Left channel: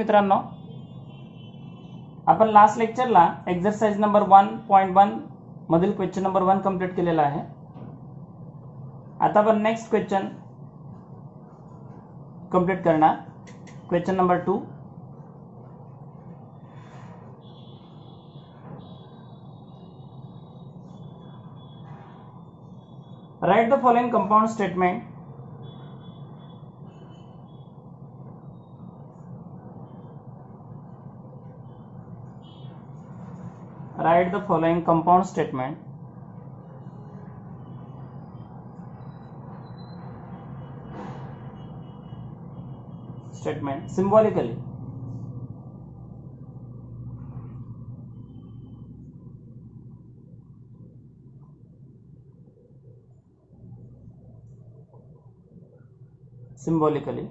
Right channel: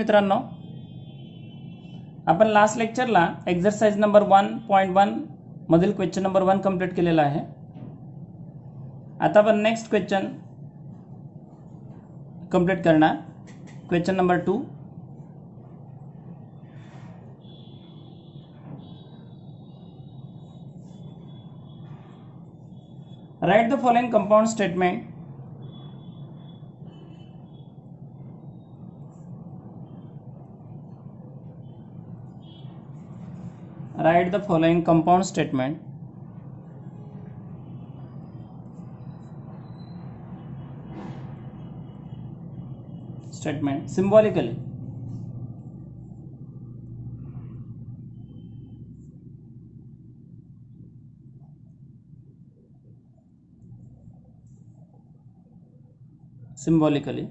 मित्रांनो, आपण last लेक्चरला exercise number 1.1 मधील क्वेश्चन नंबर 1 कंप्लीट केलेला आहे. आता आपण नेक्स्ट क्वेश्चन कंप्लीट करणार. Question number 2. Right the following compound statement. Write the following compound statement. Symbolically. Symbolically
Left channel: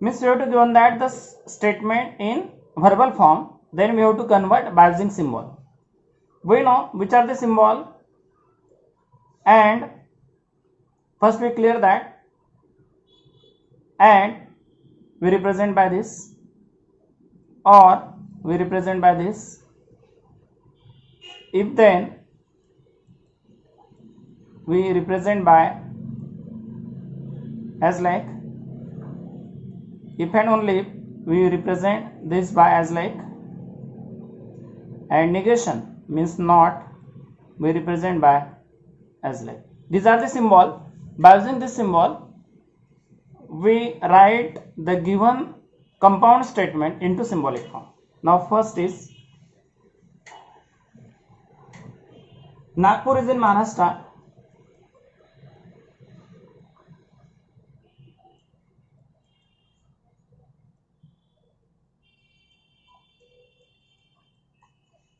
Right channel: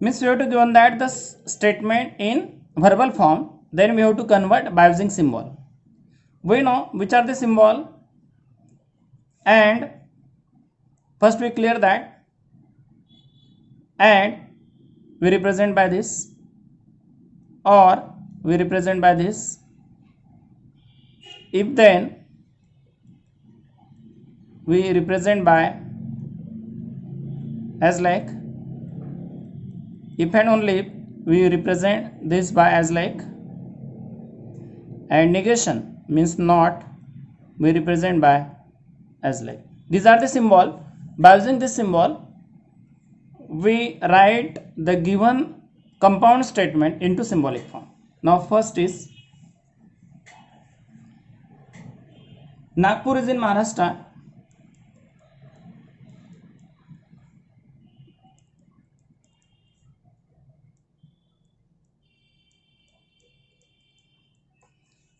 means we have to given that the statement in verbal form, then we have to convert by using symbol. We know which are the symbol, and first we clear that, and we represent by this, or we represent by this. If then we represent by as like, if and only if we represent this by as like, and negation means not, we represent by as like. These are the symbol. By using this symbol we write the given compound statement into symbolic form. Now first is Nagpur is in Maharashtra.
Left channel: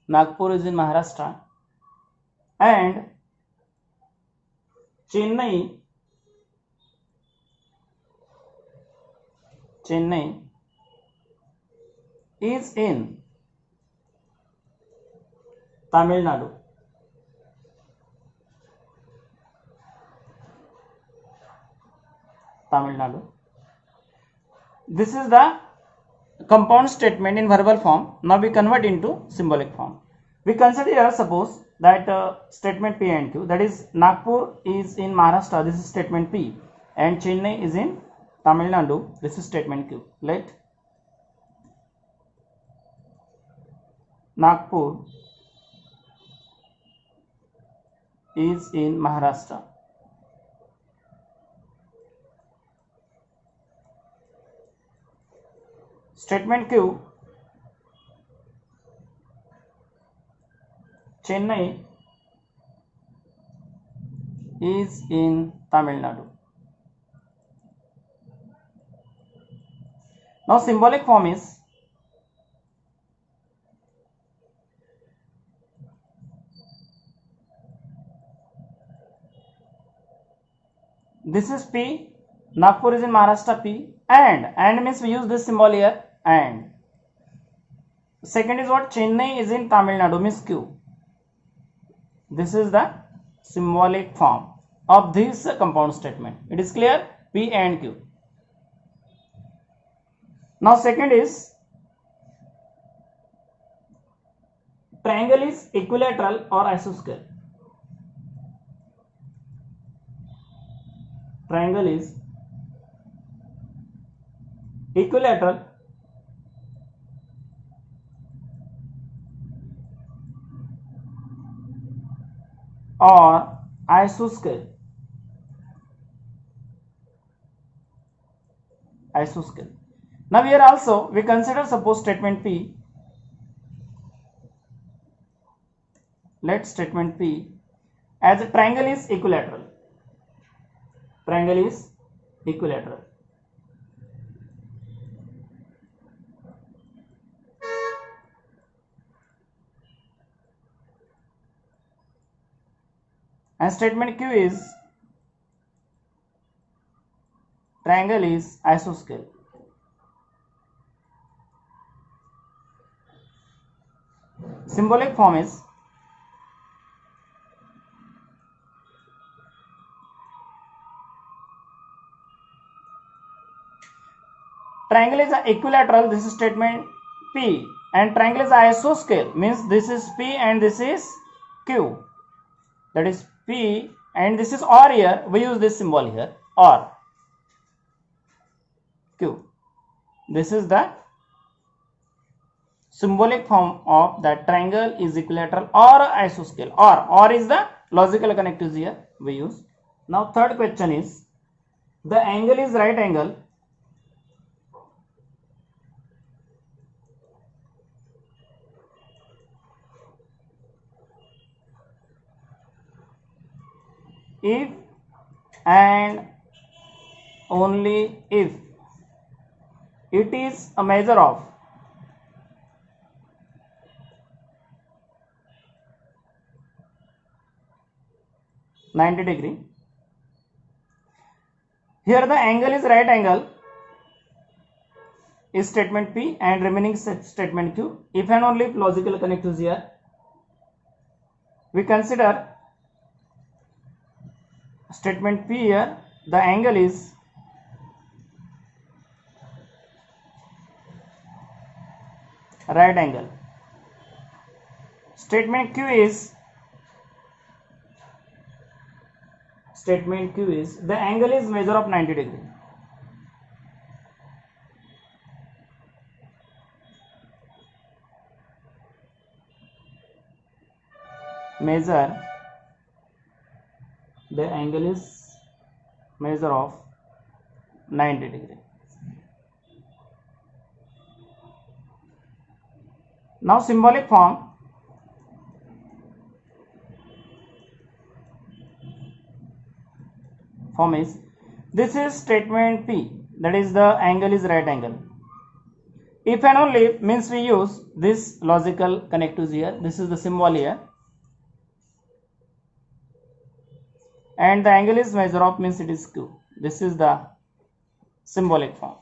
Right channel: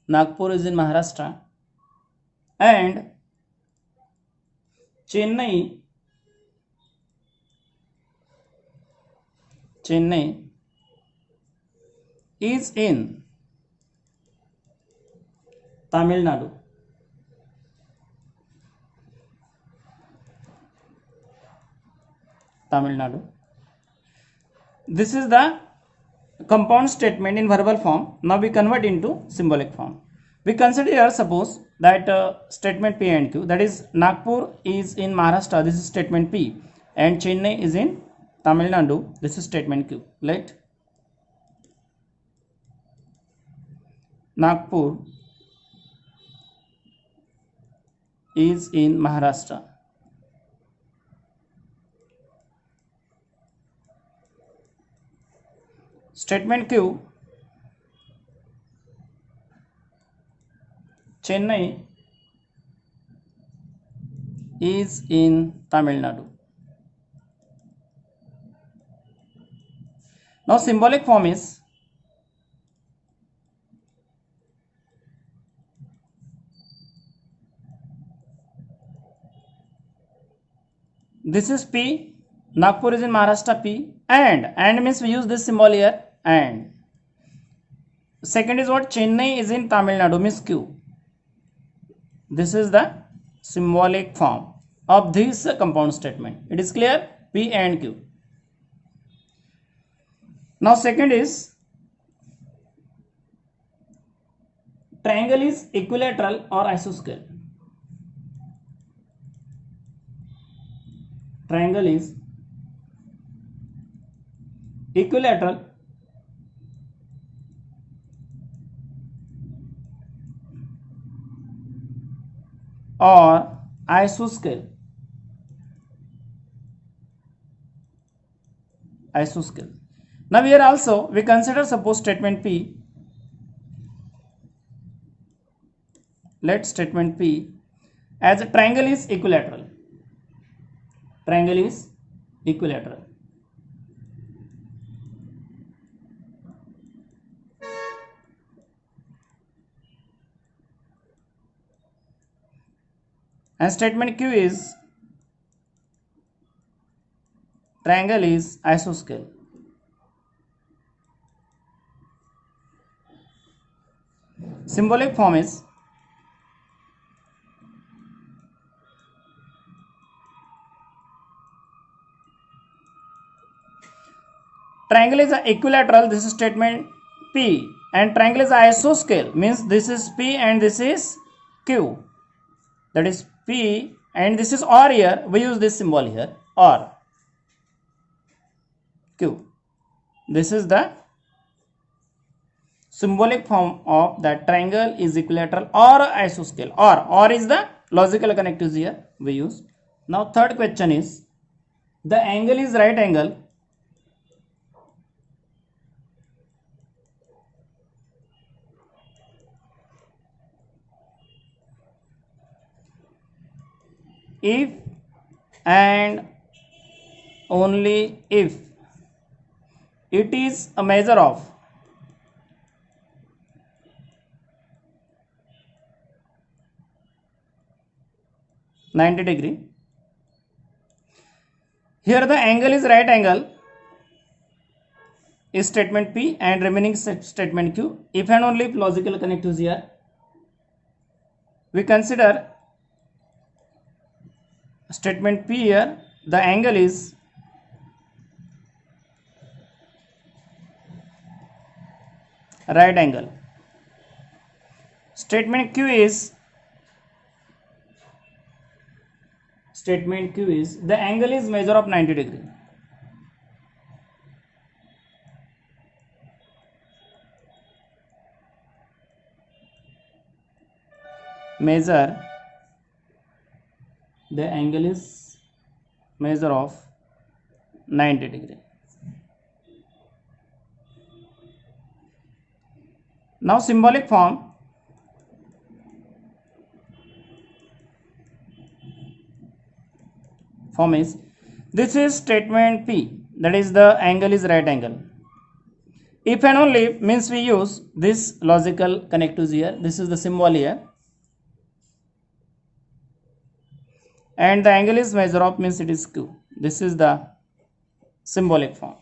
Nagpur is in Maharashtra, and Chennai is in Tamil Nadu. This is the compound statement in verbal form. Now we convert into symbolic form. We consider here, suppose that statement P and Q, that is Nagpur is in Maharashtra, this is statement P, and Chennai is in Tamil Nadu, this is statement Q. Let Nagpur is in Maharashtra. Statement Q, Chennai is in Tamil Nadu. Now symbolic form is this is P, Nagpur is in Maharashtra, P, and means we use this symbol here, and second is what, Chennai is in Tamil Nadu means Q. This is the symbolic form of this compound statement. It is clear? P and Q. Now second is triangle is equilateral or isosceles. Triangle is equilateral or isosceles. Now here also we consider, suppose statement P, let statement P as a triangle is equilateral. And statement Q is triangle is isosceles. Symbolic form is triangle is equilateral, this is statement P, and triangle is isoscale, means this is P and this is Q, that is P and this is OR. Here we use this symbol here, OR, Q. This is the symbolic form of that triangle is equilateral or isoscale, or is the logical connectives here we use. Now third question is, the angle is right angle if and only if it is a measure of (90°). Here the angle is right angle is statement P and remaining statement Q. If and only if logical connectives here, we consider statement P here, the angle is right angle. Statement Q is the angle is measure of 90°. Measure, the angle is measure of 90°. Now symbolic form, is, this is statement P, that is the angle is right angle. If and only if means we use this logical connectives here, this is the symbol here, and the angle is measure of means it is Q. This is the symbolic form.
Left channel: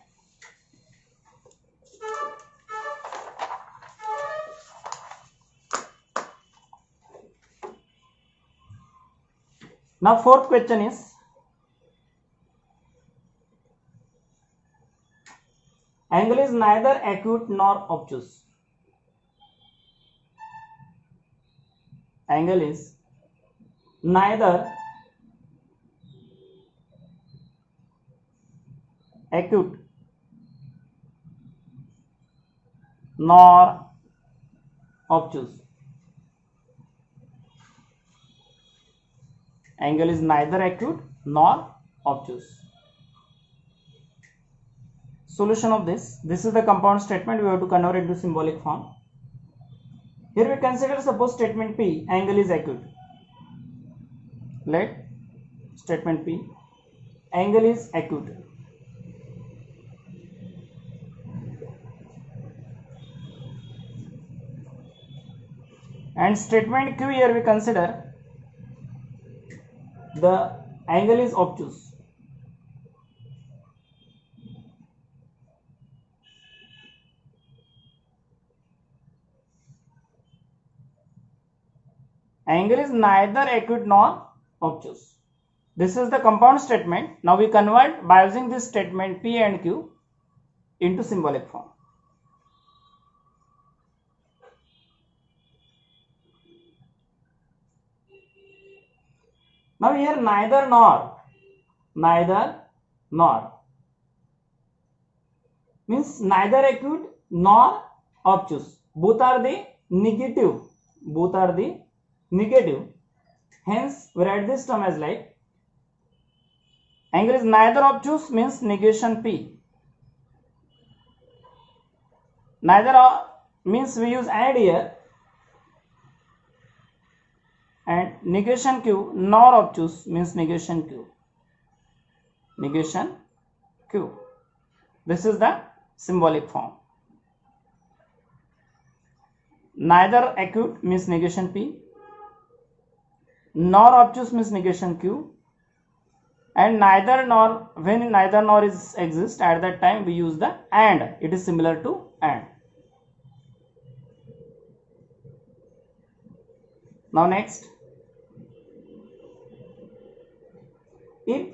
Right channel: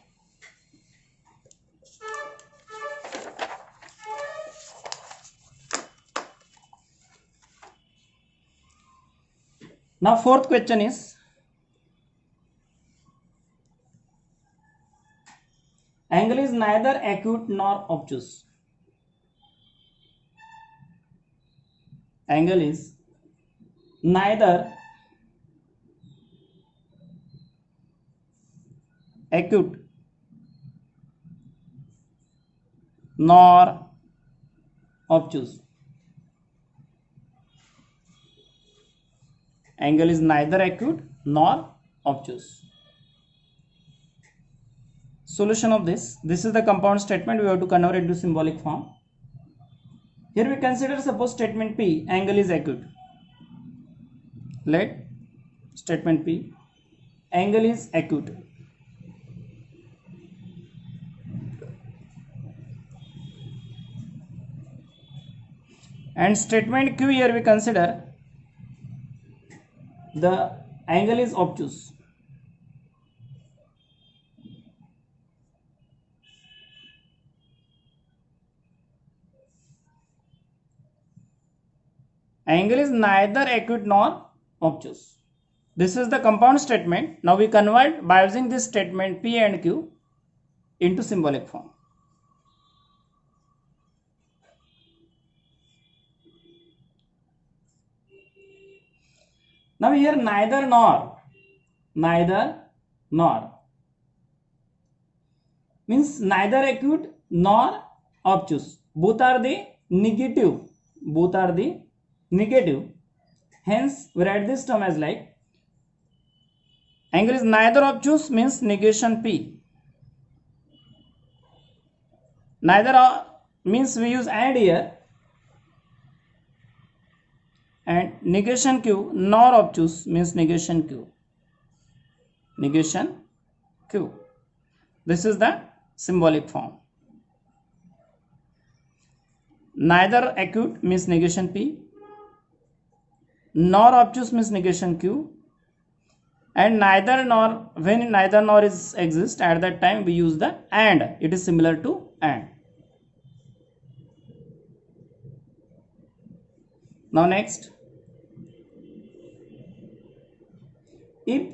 Now fourth question is, angle is neither acute nor obtuse. Angle is neither acute nor obtuse. Angle is neither acute nor obtuse. Solution of this is the compound statement, we have to convert into symbolic form. Here we consider, suppose statement P, angle is acute. Let statement P, angle is acute. And statement Q, here we consider the angle is obtuse. Angle is neither acute nor obtuse. This is the compound statement. Now we convert by using this statement P and Q into symbolic form. Now here neither nor means neither acute nor obtuse. Both are the negative. Hence we write this term as like, angle is neither obtuse means negation P. Neither means we use and here, and negation Q nor obtuse means negation Q. This is the symbolic form. Neither acute means negation P, nor obtuse means negation Q, and neither nor, when neither nor is exist, at that time we use the and. It is similar to and. Now next, if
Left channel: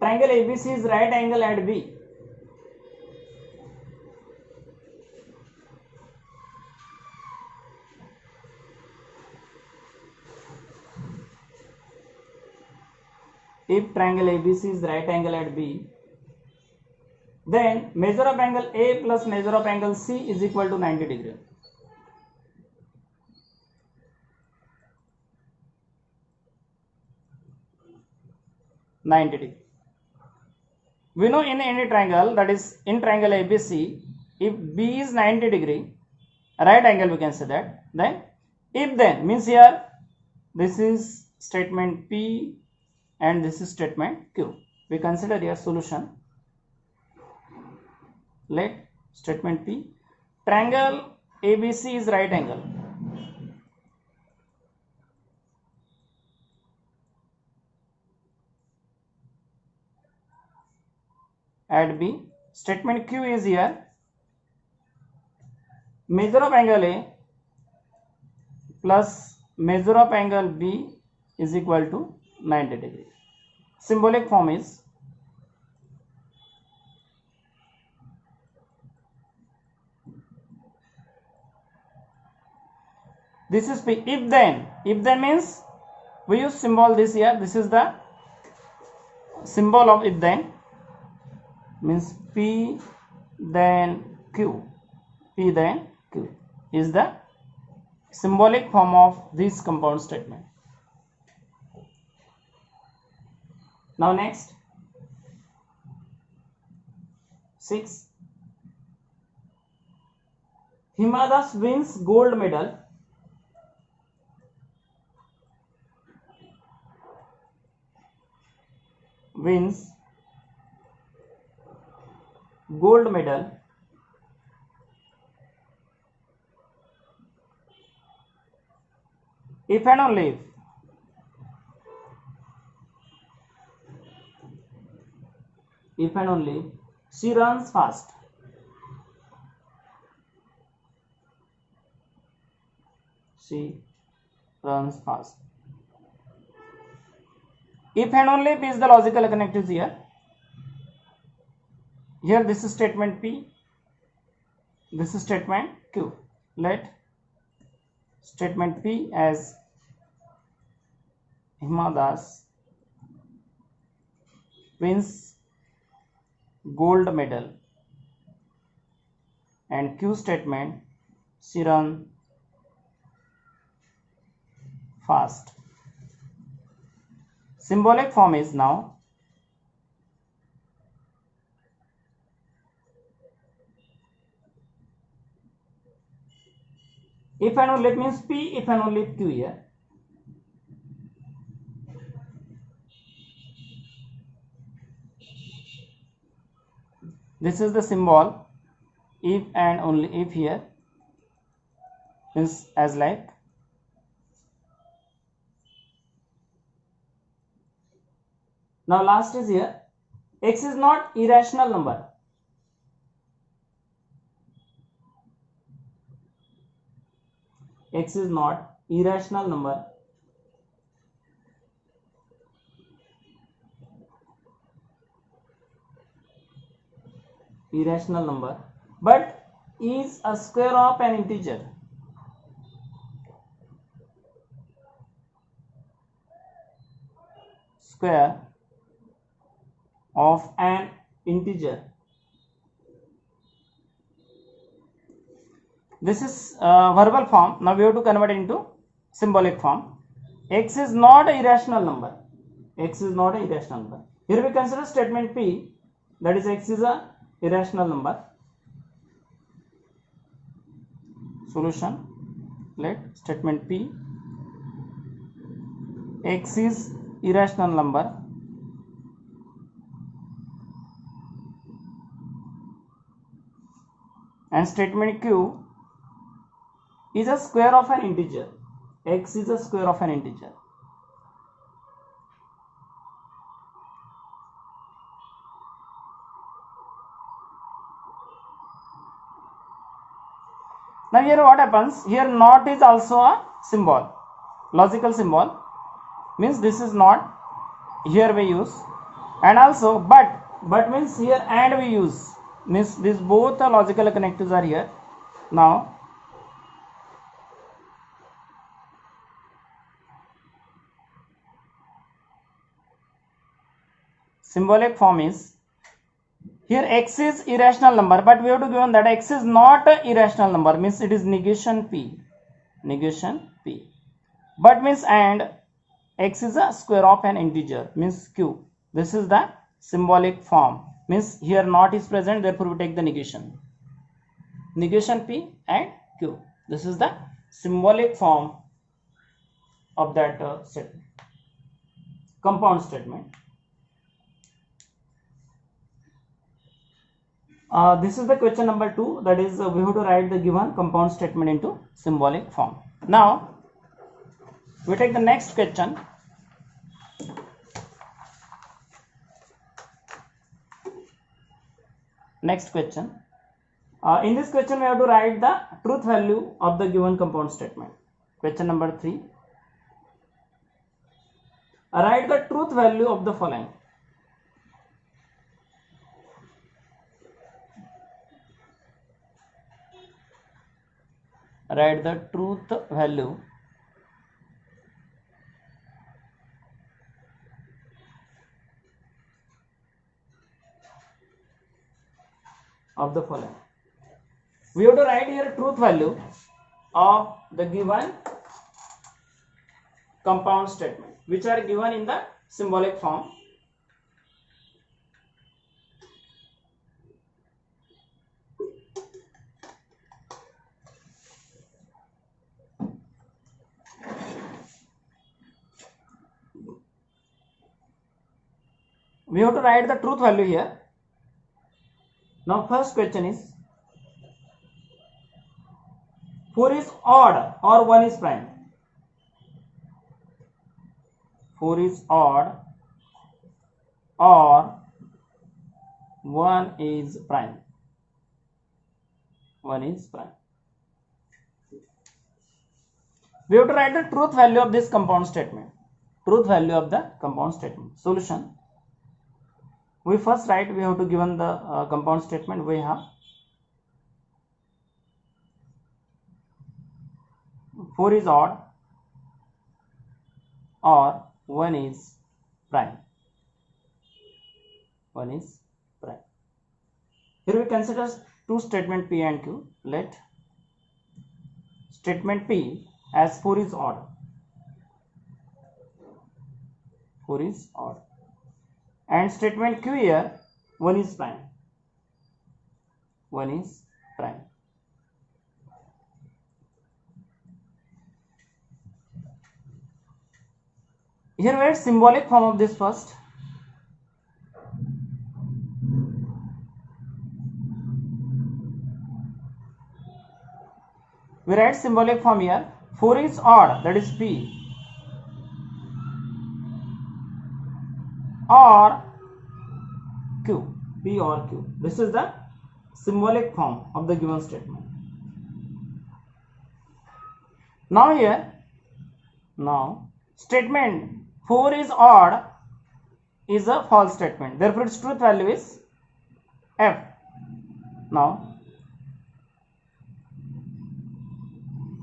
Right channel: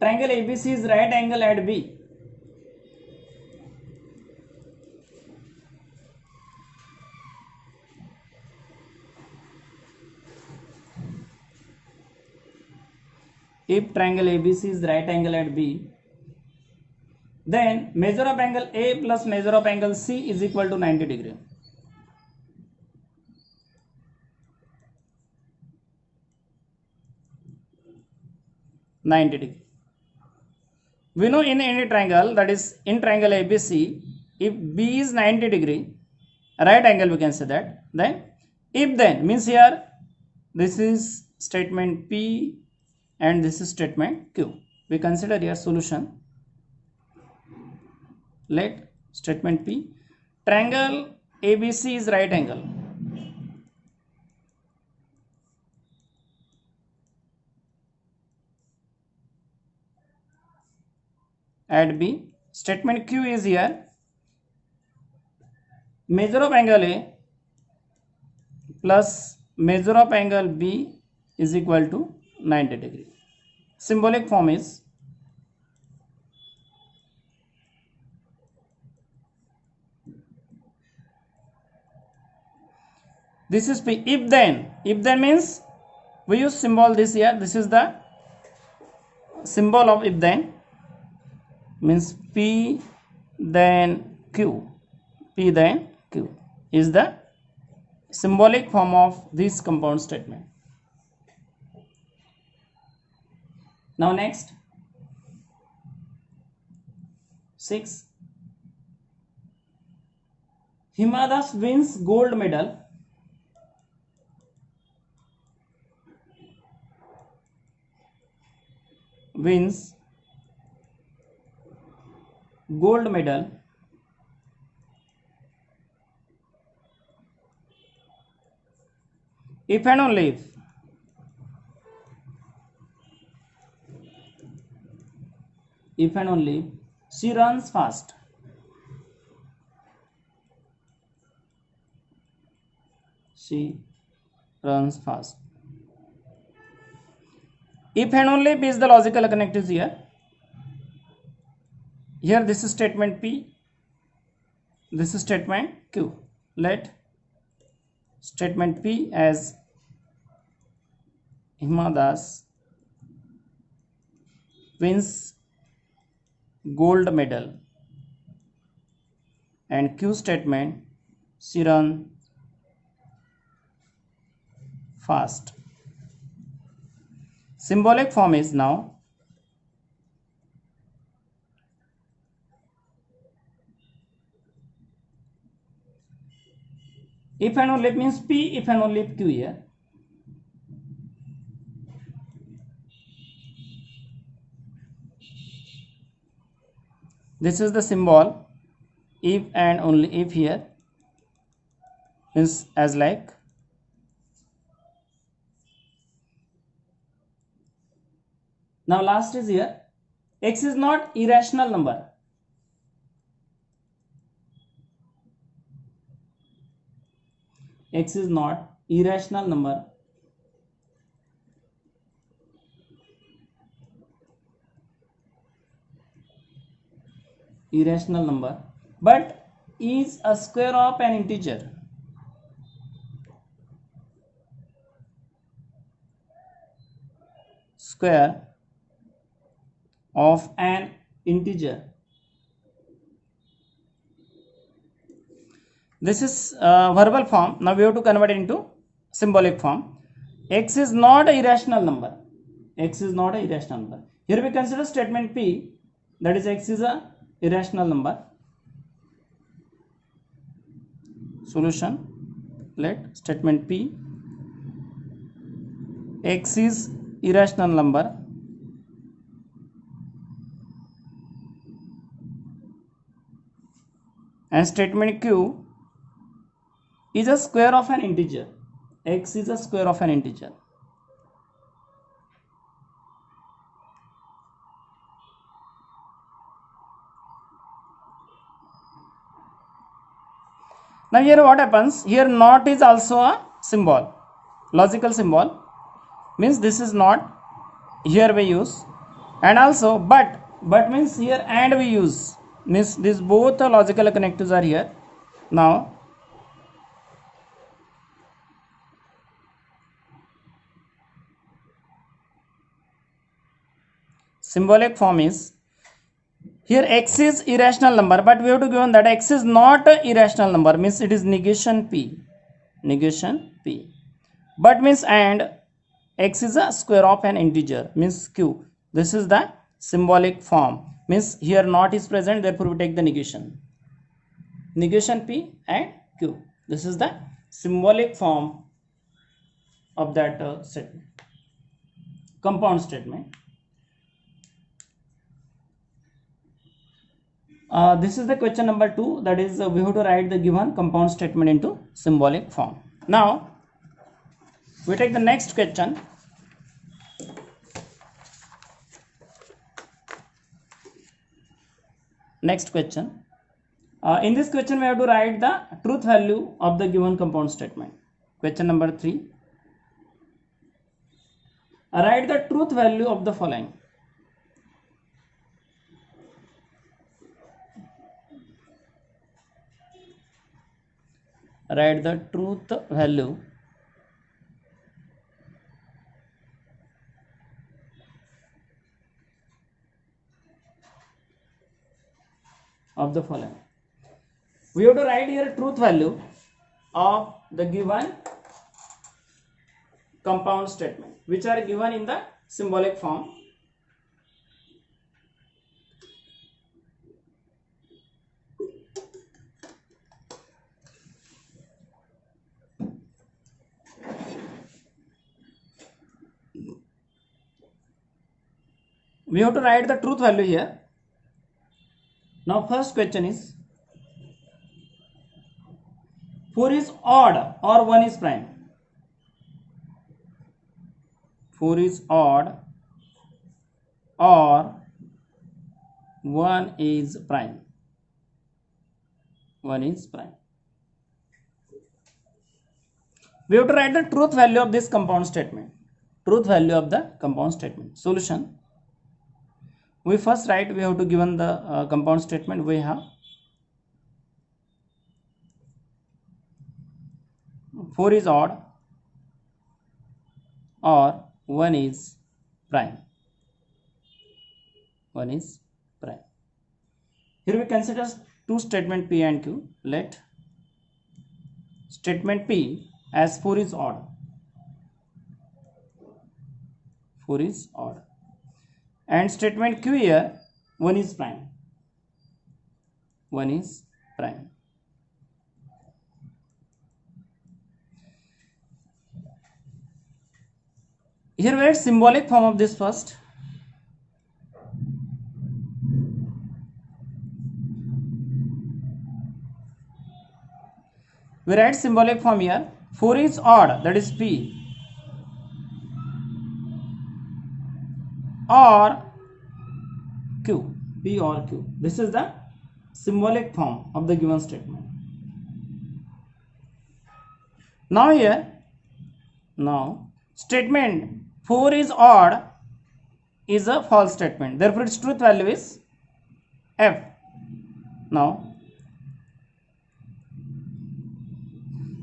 triangle ABC is right angle at B, if triangle ABC is right angle at B, then measure of angle A plus measure of angle C is equal to 90 degree. We know in any triangle, that is in triangle ABC, if B is 90 degree, right angle, we can say that. Then if then means here this is statement P and this is statement Q. We consider here solution. Let statement P, triangle ABC is right angle at B. Statement Q is here, measure of angle A plus measure of angle B is equal to 90 degree. Symbolic form is this is P. If then means we use symbol this here. This is the symbol of if then, means P then Q. P then Q is the symbolic form of this compound statement. Now next 6, Hima Das wins gold medal if and only if she runs fast. If and only if is the logical connectives here. Here this is statement P, this is statement Q. Let statement P as Hima Das wins gold medal and Q statement she runs fast. Symbolic form is now if and only means P if and only Q here. This is the symbol if and only if here, means as like now last is here, X is not irrational number. X is not irrational number. But is a square of an integer. Square of an integer. This is verbal form. Now we have to convert it into symbolic form. X is not a irrational number. Here we consider statement P, that is X is a irrational number. Solution. Let statement P, X is irrational number and statement Q is a square of an integer. X is a square of an integer. Now here what happens, here not is also a symbol, logical symbol, means this is not, here we use, and also but means here and we use, means these both logical connectives are here. Now symbolic form is, here x is irrational number, but we have to given that x is not a irrational number, means it is negation p, but means and x is a square of an integer, means q. This is the symbolic form, means here not is present, therefore we take the negation p and q. This is the symbolic form of that statement, compound statement. This is the question number 2, that is we have to write the given compound statement into symbolic form. Now we take the next question. In this question we have to write the truth value of the given compound statement. Question number 3, write the truth value of the following. Write the truth value of the following. We have to write here truth value of the given compound statement, which are given in the symbolic form. We have to write the truth value here. Now first question is, 4 is odd or 1 is prime? 4 is odd or 1 is prime? 1 is prime. We have to write the truth value of this compound statement. Truth value of the compound statement. Solution. We first write, we have to given the compound statement. We have 4 is odd or 1 is prime. 1 is prime. Here we consider two statement P and Q. Let statement P as 4 is odd. 4 is odd. And statement Q here, 1 is prime. 1 is prime. Here we write symbolic form of this first. We write symbolic form here. 4 is odd, that is P, or Q, P or Q. This is the symbolic form of the given statement. Now here, statement 4 is odd is a false statement, therefore its truth value is F. Now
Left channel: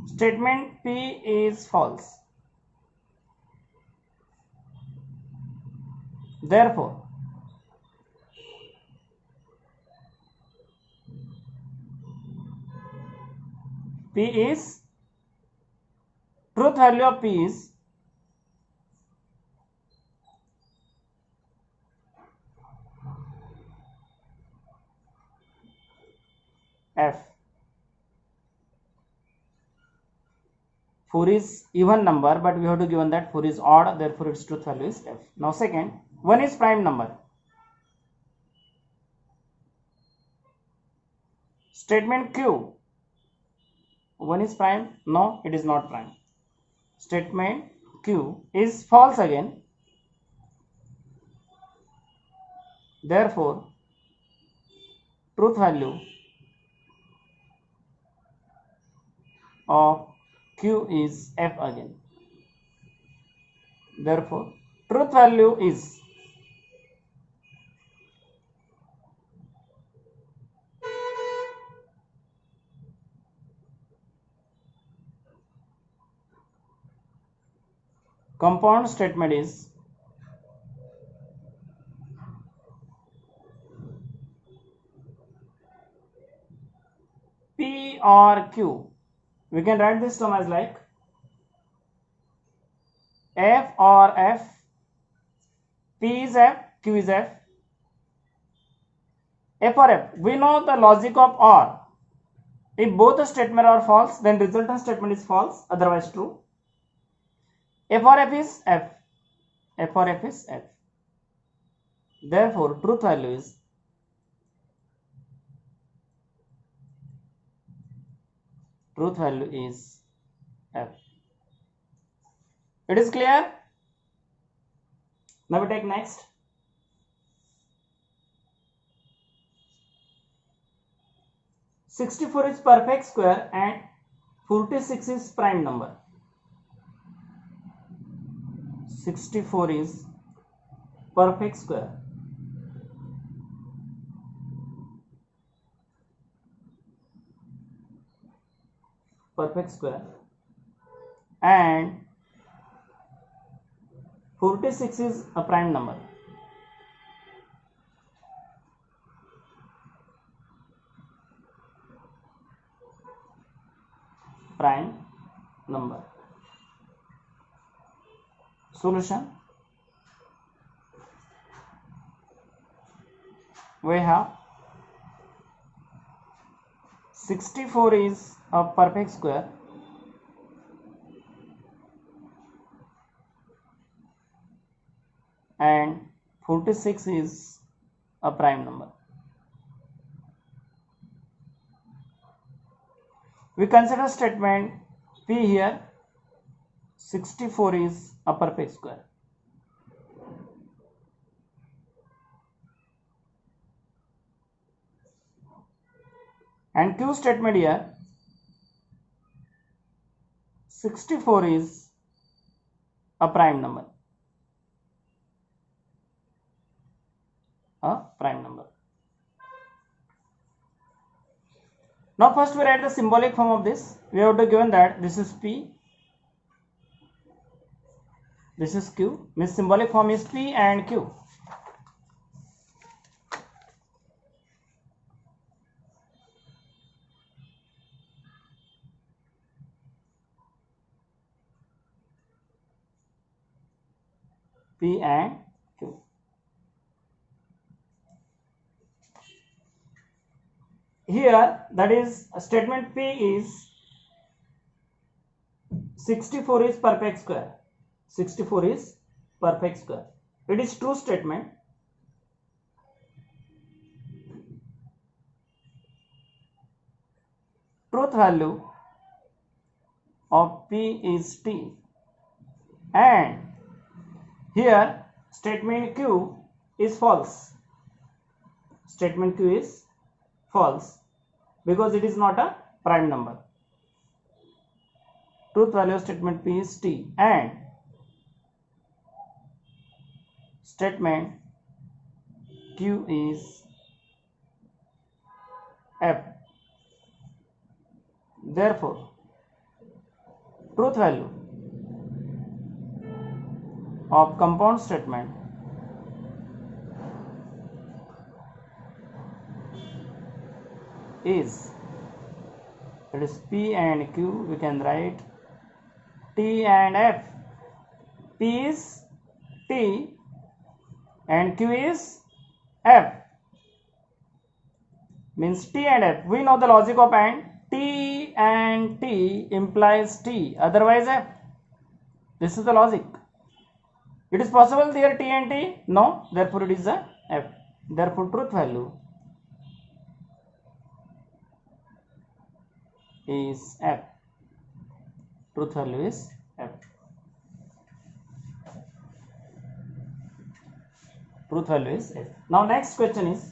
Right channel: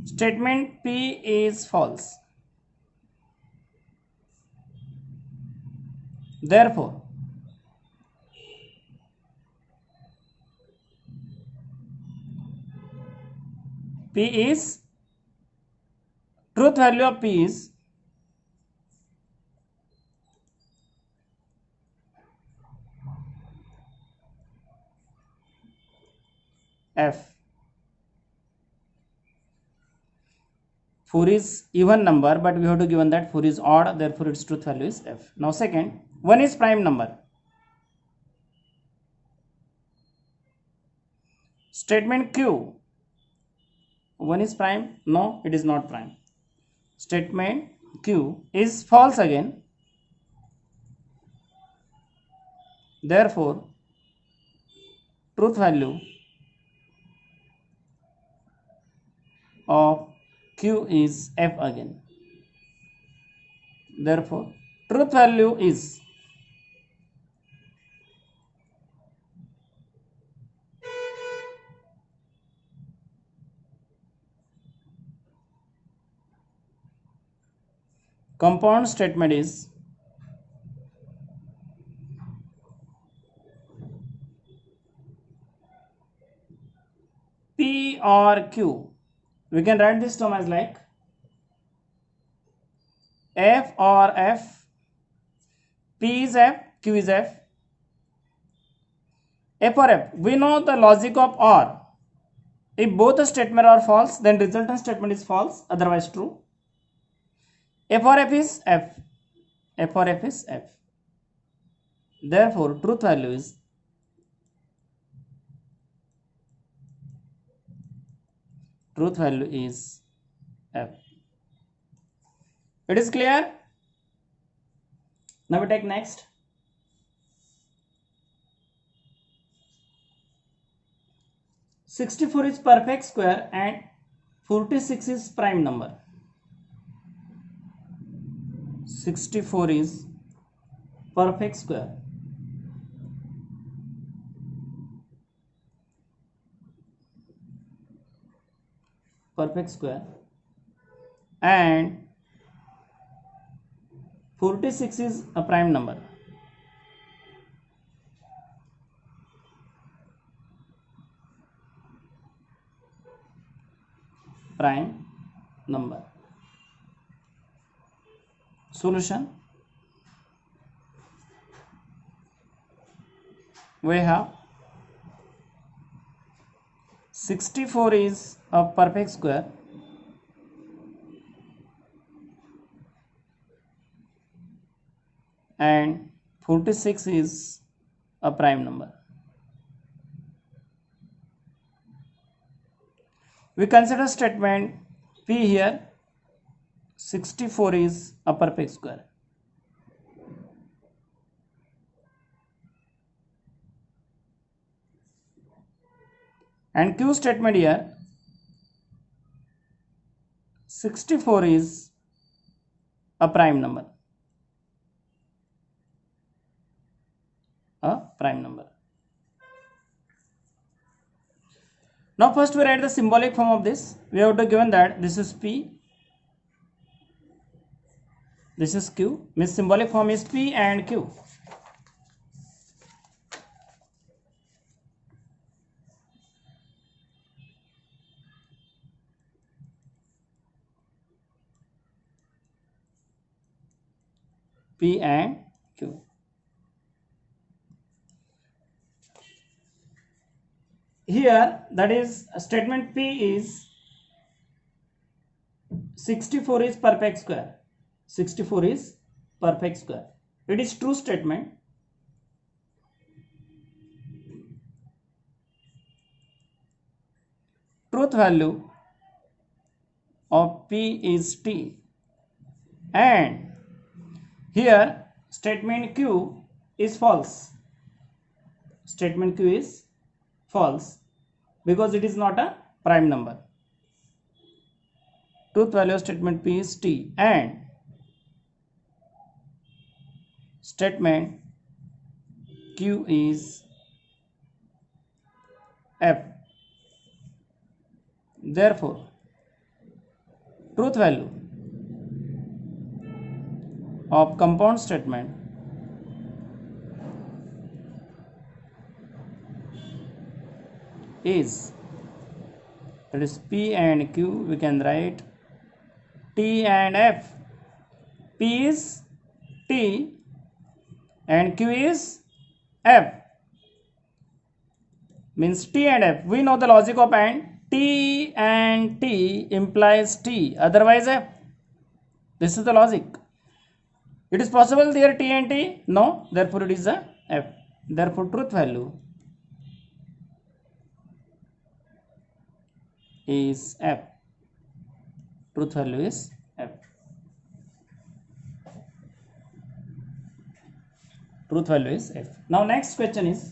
statement P is false, therefore P is, truth value of P is F. 4 is even number, but we have to given that 4 is odd, therefore its truth value is F. Now second, 1 is prime number. Statement Q, 1 is prime? No, it is not prime. Statement Q is false again, therefore truth value of Q is F again. Therefore truth value is compound statement is or Q, we can write this term as like F or F, P is F, Q is F. F or F, we know the logic of OR. If both the statement are false, then resultant statement is false, otherwise true. F or F is F. F or F is F. Therefore, truth value is F. It is clear? Now we take next. (64) is perfect square and 46 is prime number. 64 is perfect square. And 46 is a prime number. Solution. We have 64 is a perfect square and 46 is a prime number. We consider statement P here. 64 is a perfect square. And Q statement here. 64 is a prime number. Now first we write the symbolic form of this. We have to given that this is P, this is Q. Means symbolic form is P and Q. P and Q. Here, that is statement P is 64 is perfect square. 64 is perfect square. It is true statement. Truth value of P is T. And here statement Q is false. Statement Q is false because it is not a prime number. Truth value of statement P is T and statement Q is F. Therefore, truth value of compound statement is, that is P and Q, we can write T and F. P is T and Q is F. Means T and F. We know the logic of AND. T and T implies T, otherwise F. This is the logic. It is possible there T and T? No, therefore it is a F. Therefore truth value is F. Truth value is F. Truth value is F. Now next question is,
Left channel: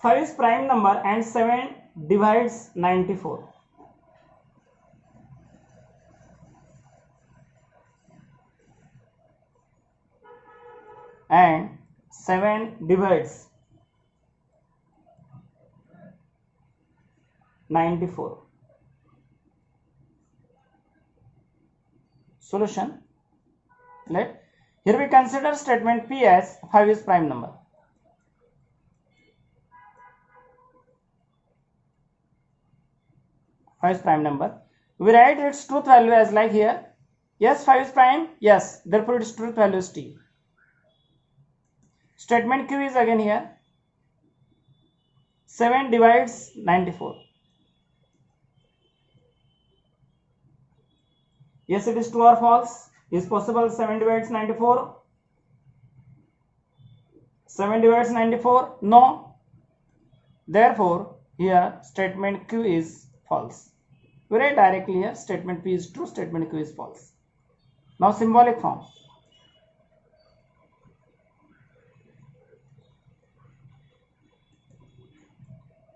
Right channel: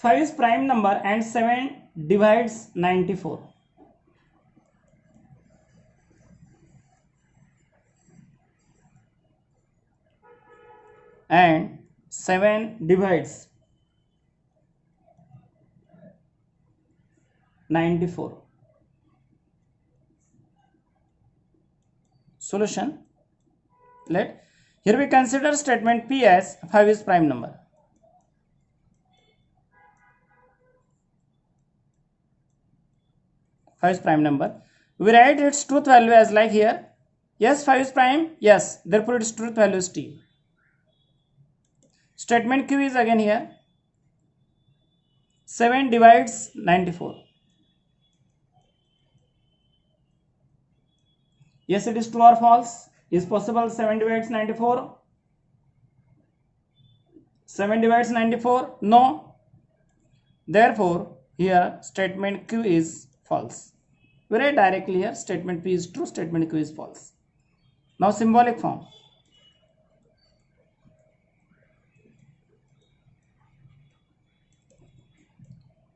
five is prime number and 7 divides 94. And 7 divides 94. Solution. Let Here we consider statement P as 5 is prime number. Is prime number. We write its truth value as like here. Yes, 5 is prime. Yes, therefore its truth value is T. Statement Q is again here. 7 divides 94. Yes, it is true or false. Is possible 7 divides 94? 7 divides 94? No. Therefore, here statement Q is false. We write directly here statement P is true, statement Q is false. Now symbolic form.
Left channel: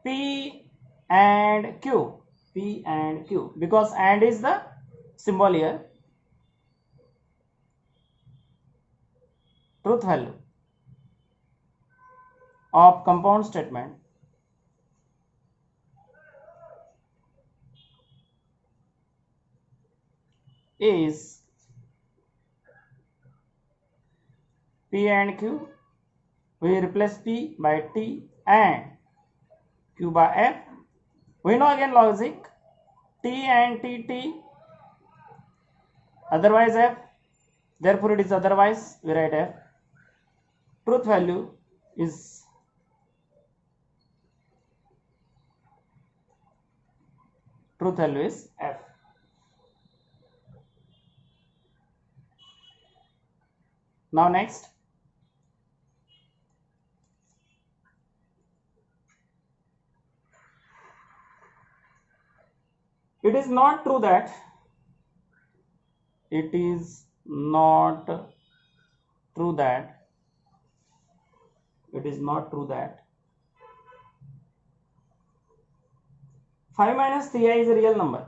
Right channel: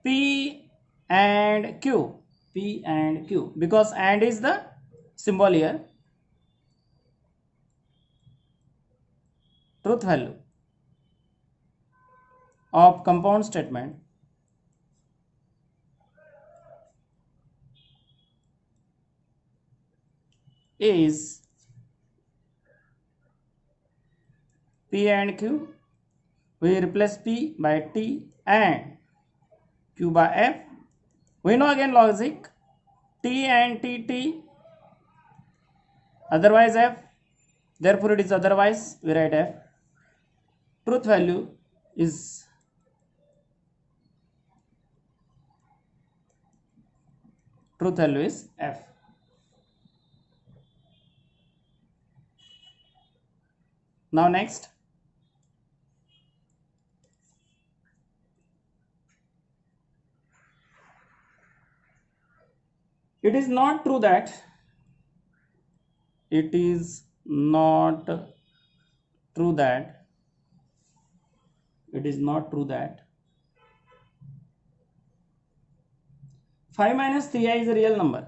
P and Q. P and Q. Because and is the symbol here. Truth value of compound statement is P and Q. We replace P by T and Q by F. We know again logic. T and T. Otherwise F. Therefore it is otherwise. We write F. Truth value is F. Now next. It is not true that 5 minus 3i is a real number.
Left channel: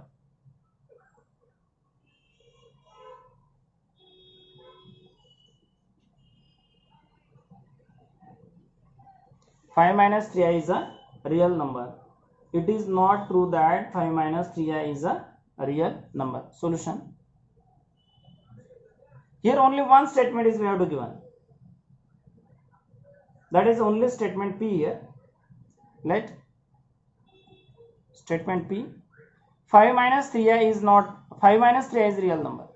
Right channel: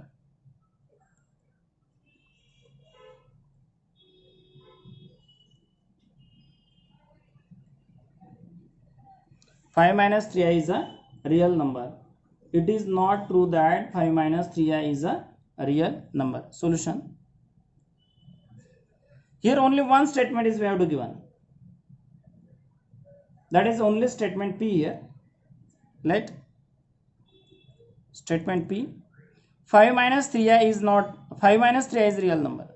Five minus 3i is a real number. It is not true that 5 minus 3i is a real number. Solution. Here only one statement is we have to given. That is only statement P here. Let statement P. 5 minus 3i is not. 5 minus 3i is real number.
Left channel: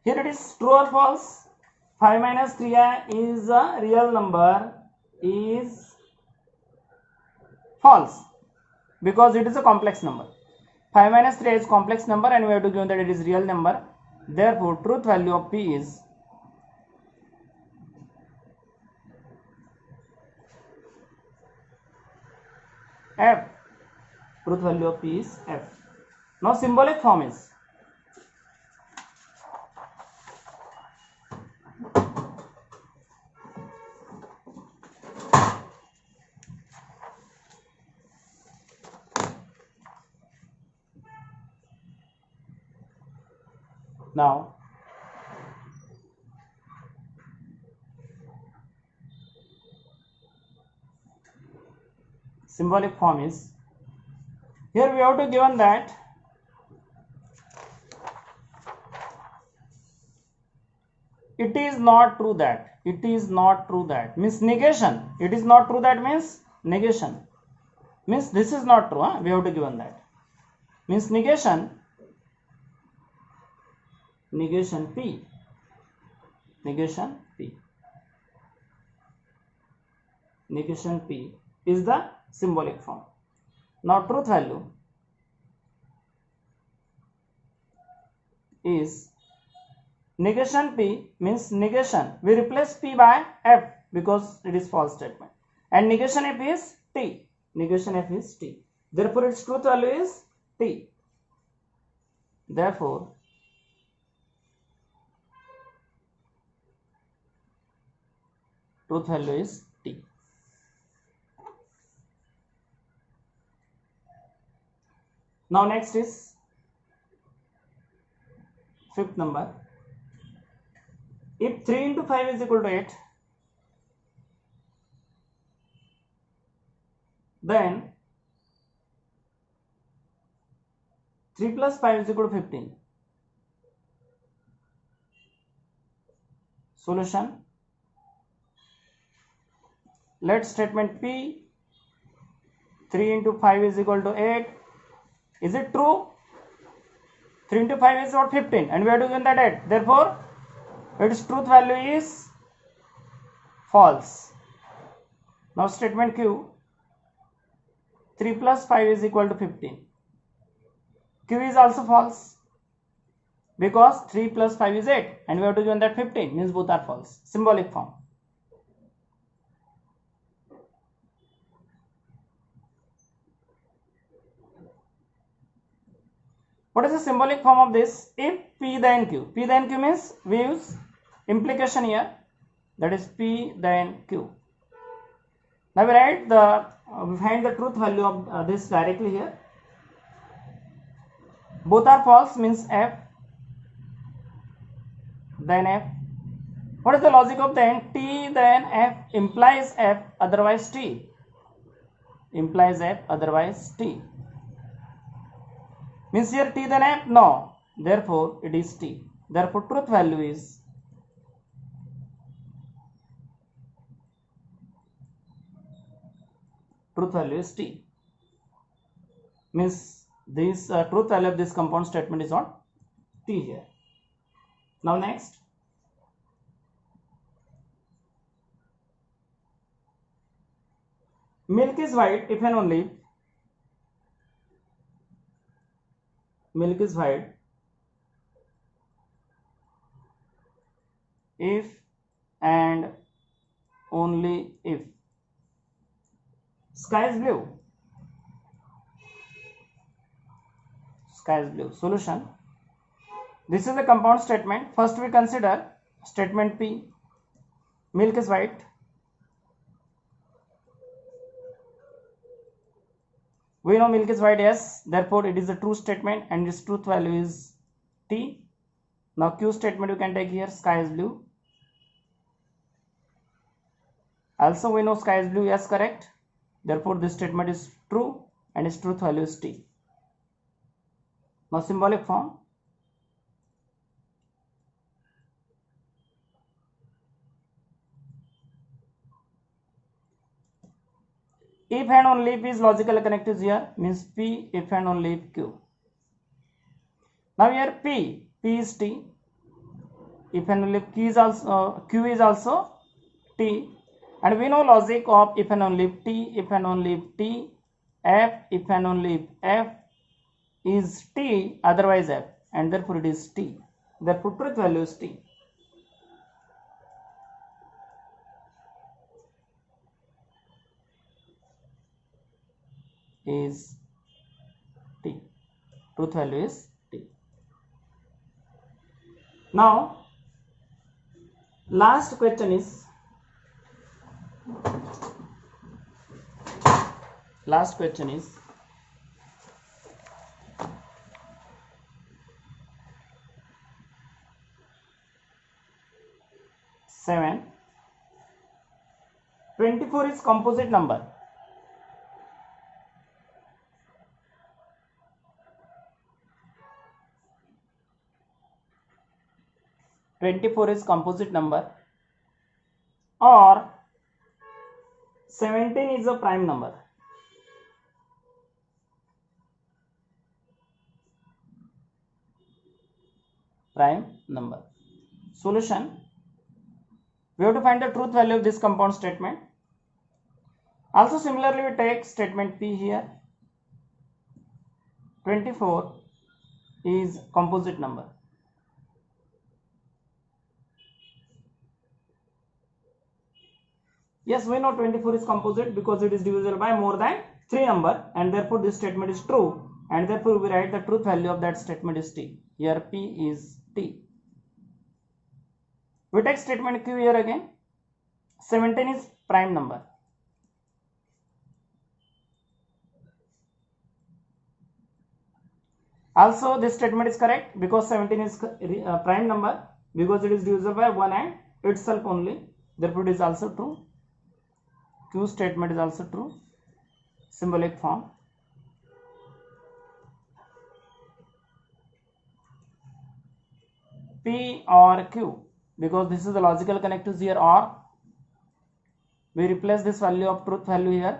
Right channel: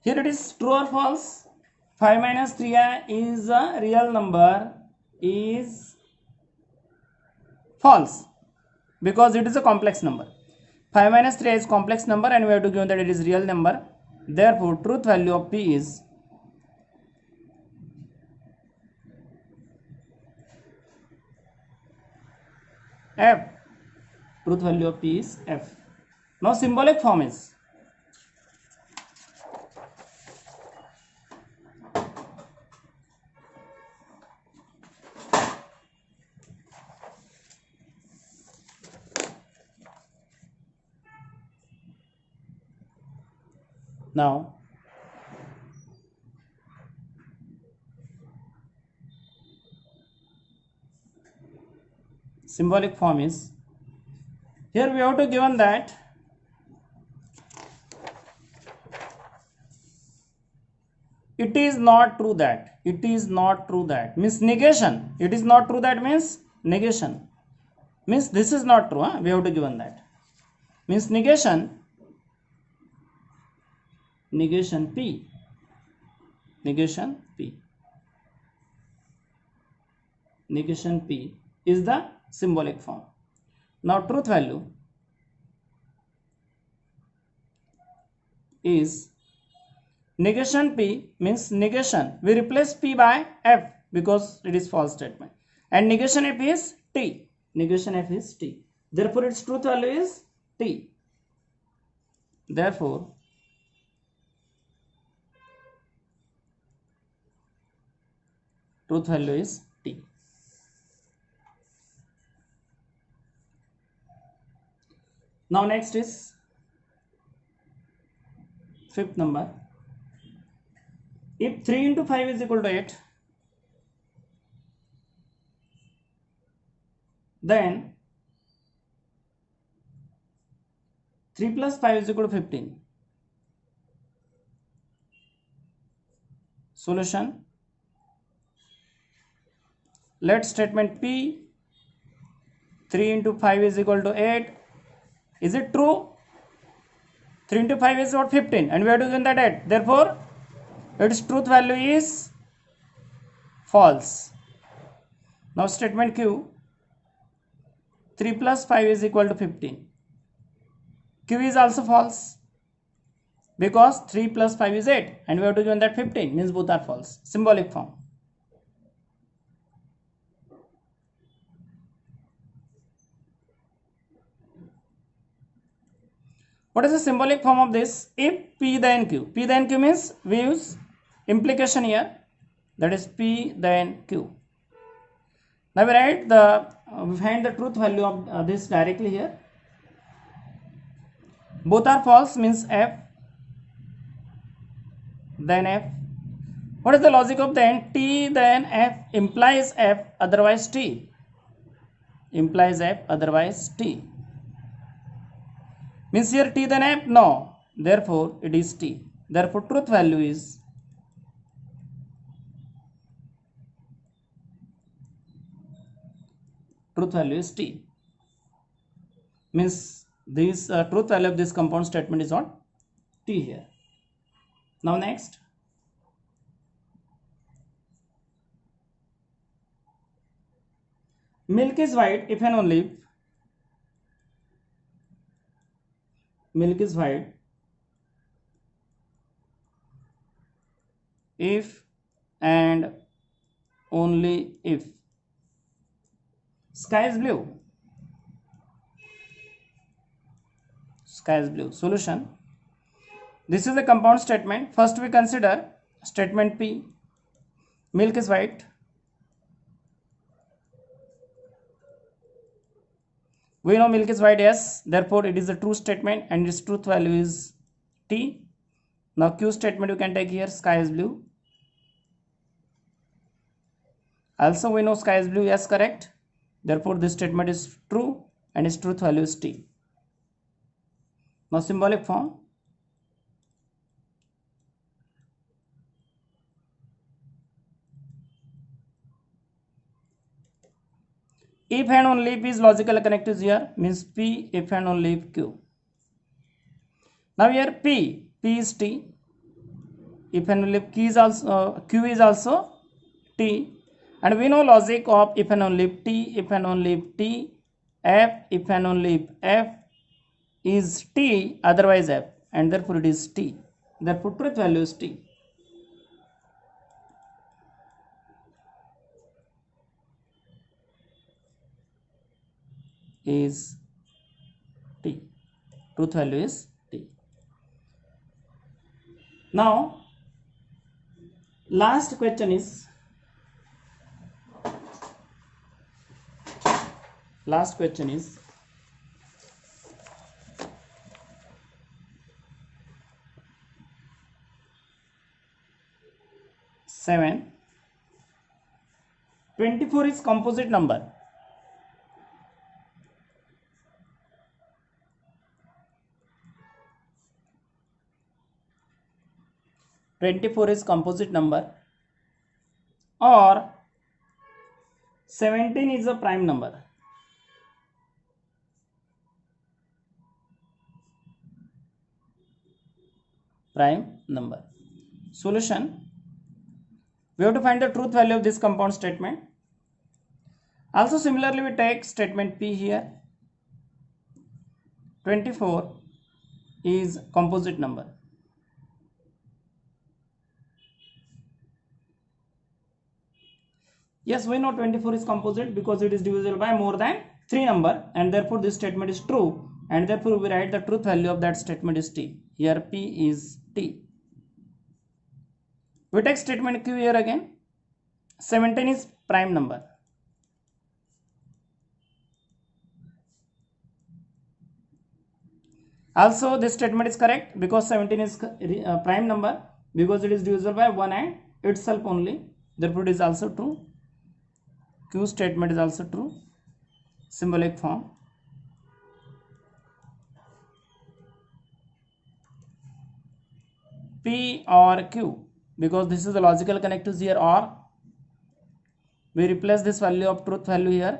Here it is true or false. 5 minus 3i is a real number is false because it is a complex number. 5 minus 3i is complex number and we have to give that it is real number. Therefore, truth value of P is F. Truth value of P is F. Now symbolic form is now symbolic form is here we have to given that it is not true that means negation. It is not true that means negation means this is not true. We have to given that means negation P is the symbolic form. Now truth value is negation P means negation. We replace P by F because it is false statement and negation F is T. Therefore its truth value is T. Therefore truth value is T. Now next is fifth number. If 3 into 5 is equal to 8, then 3 plus 5 is equal to 15. Solution. Let statement P 3 into 5 is equal to 8. Is it true? 3 into 5 is what? 15, and we have to given that 8. Therefore, its truth value is false. Now statement Q, 3 plus 5 is equal to 15. Q is also false because 3 plus 5 is 8, and we have to given that 15, means both are false. Symbolic form. What is the symbolic form of this? If P then Q. P then Q means we use implication here. That is P then Q. Now we write we find the truth value of this directly here. Both are false means F then F. What is the logic of then? T then F implies F, otherwise T. Implies F, otherwise T. Means here T then F? No. Therefore, it is T. Therefore, truth value is T. Means this truth value of this compound statement is what? T here. Now next. Milk is white if and only milk is white if and only if sky is blue. Sky is blue. Solution. This is the compound statement. First we consider statement P. Milk is white. We know milk is white, yes. Therefore, it is a true statement and its truth value is T. Now, Q statement you can take here, sky is blue. Also, we know sky is blue, yes, correct. Therefore, this statement is true and its truth value is T. Now, symbolic form. If and only if is logical connectives here, means P if and only if Q. Now here P is T. If and only if Q is also T. And we know logic of if and only if T, if and only if T, F, if and only if F is T, otherwise F, and therefore it is T. Therefore truth value is T. Is T. Truth value is T. Now, last question is 7. 24 is composite number. Is composite number, or 17 is a prime number. Solution. We have to find the truth value of this compound statement. Also similarly we take statement P here. 24 is composite number. Yes, we know 24 is composite because it is divisible by more than 3 number, and therefore this statement is true, and therefore we write the truth value of that statement is T. Here P is T. We take statement Q here again. 17 is prime number. Also this statement is correct because 17 is prime number because it is divisible by 1 and itself only. Therefore it is also true. Q statement is also true. Symbolic form. P or Q, because this is the logical connectives here, or we replace this value of truth value here,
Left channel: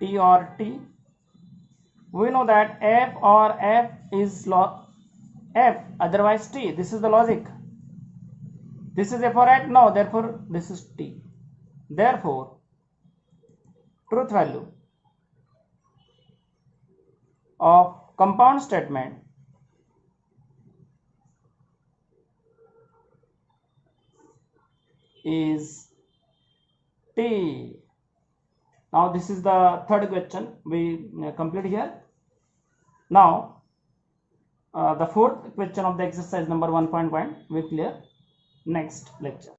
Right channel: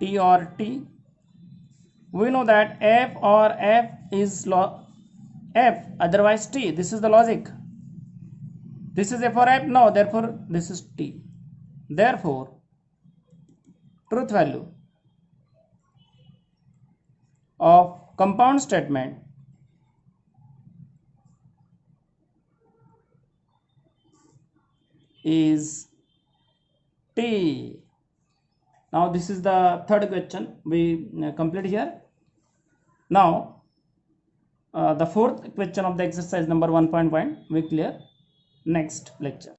T or T. We know that F or F is F, otherwise T. This is the logic. This is F or F? No, therefore this is T. Therefore, truth value of compound statement is T. Now this is the third question we complete here. Now the fourth question of the exercise number 1.1 we clear next lecture.